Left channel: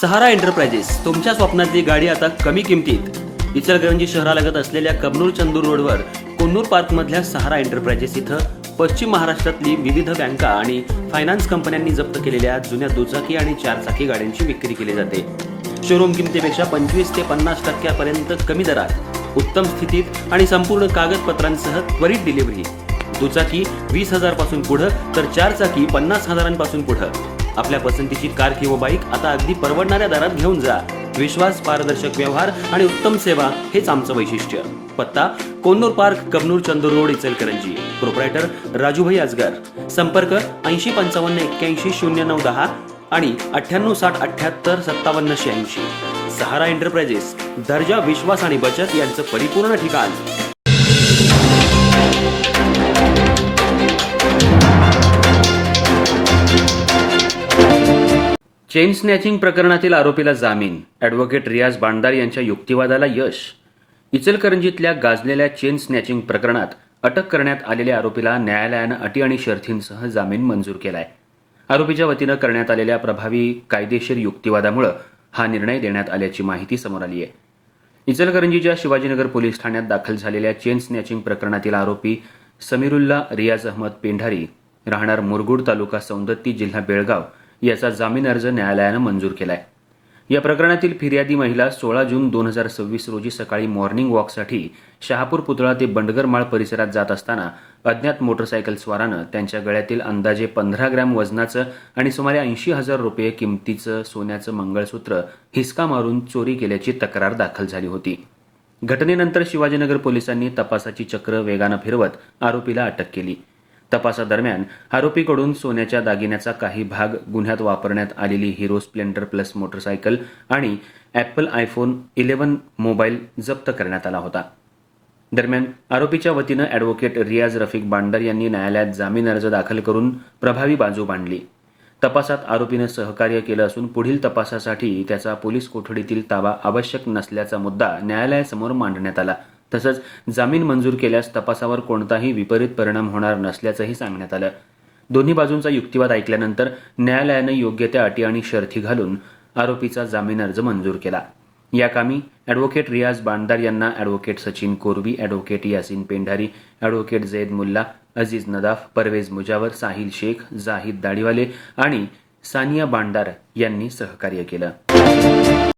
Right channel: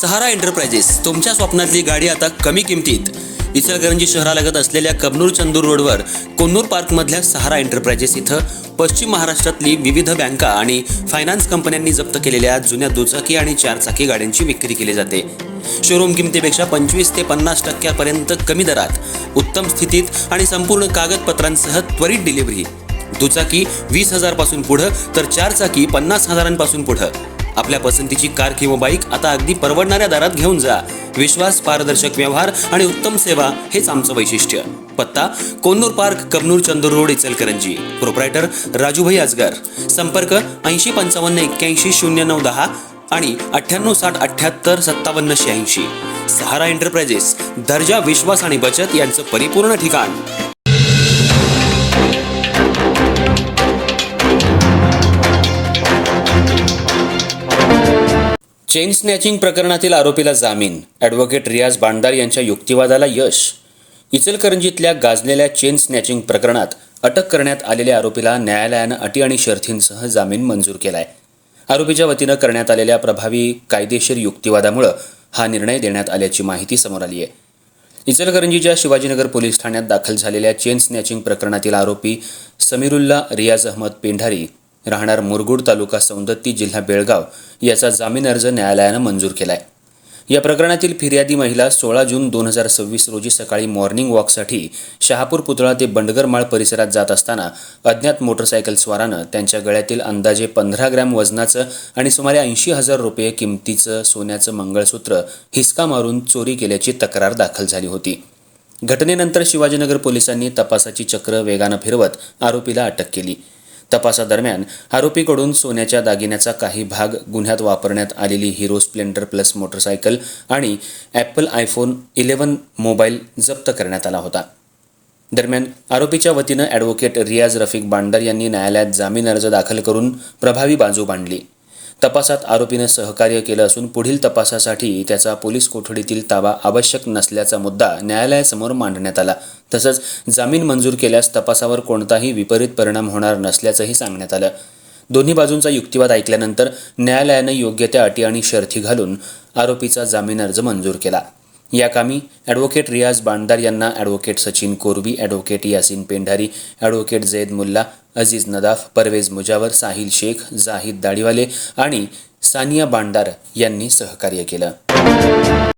सहारा enterprises तुमच्या स्वप्नातली गाडी आता कमी किमतीत. इचलकरंजी शहरालगत असलेल्या कबनूर चंदूर रोडवर कोन्नूर पार्कमधल्या सहारा एंटरप्राइजेस इथं पश्चिम महाराष्ट्रातली विविध बँका आणि फायनान्स कंपन्यांनी जप्त केलेल्या जुन्या दुचाकी आणि चारचाकी गाड्यांची विक्री केली जाते. शोरूम किमतीपेक्षा 25 ते 50% कमी दरात, उत्तम स्थितीत आणि संपूर्ण कागदपत्रांसह त्वरित डिलिव्हरी. दुचाकी 20,000 पासून पुढे तर चारचाकी 50,000 पासून पुढे. आपल्या पसंतीची कार किंवा बाईक आता अगदी परवडणाऱ्या दरात घेऊन जा. विश्वास, पारदर्शक व्यवहार आणि उत्तम सेवा हेच आमचं वैशिष्ट्य. पत्ता Konnur park, Kabnur Chandur road, Ichalkaranji. Proprietor Rajubhai Ajgar. संपर्क 8055810910 आणि 9860785780. सहारा एंटरप्राइजेस, दर्जा, विश्वास आणि बचत यांचं परिपूर्ण ठिकाण. चेन स्नॅचिंग प्रकरणातील आरोपीला जामीन. ॲडव्होकेट रियाज बांडदार यांच्या युक्तिवादाला यश. इचलकरंजीतल्या गाजलेल्या चेन स्नॅचिंग प्रकरणात अटक करण्यात आलेल्या आरोपीला न्यायालयानं अटी आणि शर्थींसह जामीन मंजूर केलाय. आरोपीच्या वतीनं करण्यात आलेल्या प्रभावी कायदेशीर युक्तिवादामुळे हा निर्णय देण्यात आल्याची माहिती समोर आली आहे. इचलकरंजीच्या शिवाजीनगर पोलीस ठाण्यात दाखल झालेल्या चेन स्नॅचिंग प्रकरणातील आरोपी समीरुल्ला रियाज अहमद पेंढारी, राहणार मुरगुड, तालुका सौंदत्ती, जिल्हा बेळगाव याचा जामीन अर्ज न्यायालयानं मंजूर केलाय. या प्रकरणातील फिर्यादी महिला 16 जून 2026 रोजी सकाळी मॉर्निंग वॉकसाठी शहापूर पुतळा ते बंडगरमाळ परिसरात जात असताना अज्ञात मोटरसायकल स्वारानं त्यांच्या गळ्यातील अंदाजे 15 ग्रॅम वजनाचं आणि सुमारे 80,000 रुपये किमतीचं सोन्याचं मंगळसूत्र हिसका मारून चोरी केल्याची तक्रार दाखल झाली होती. घटनेनंतर शिवाजीनगर पोलिसांनी तपासाची चक्र वेगानं फिरवत आरोपीला अटक केली. तपासादरम्यान आरोपीकडून सोन्याच्या दागिन्याचा काही भाग, गुन्ह्यात वापरण्यात आलेली हिरो स्प्लेंडर प्लस मोटरसायकल आणि ॲपल आयफोन 11 मोबाईल जप्त करण्यात आला होता. दरम्यान आरोपीच्या वतीनं ॲडव्होकेट रियाज रफिक बांडदार यांनी न्यायालयात जामीन अर्ज दाखल करून प्रभावी बाजू मांडली. तपासात आरोपीनं सहकार्य केलं असून पुढील तपासासाठी त्याचा पोलीस कोठडीतील ताबा आवश्यक नसल्याचा मुद्दा न्यायालयासमोर मांडण्यात आला. तसंच जामीन मंजूर केल्यास तपासावर कोणताही विपरीत परिणाम होणार नसल्याचंही सांगण्यात आलं. दोन्ही बाजूंचा युक्तिवाद ऐकल्यानंतर न्यायालयानं योग्य त्या अटी आणि शर्थी घालून आरोपीचा जामीन अर्ज मंजूर केला. या कामी ॲडव्होकेट रियाज बांडदार यांना advocate Sachin Korvi, advocate Yasin Pendhari, advocate Zaid Mulla, Aziz Nadaf, Parvez Mujawar, Sahil Shaikh, Zahid Dadhiwale आणि सानिया बांडदार यांनी सहकार्य केलं.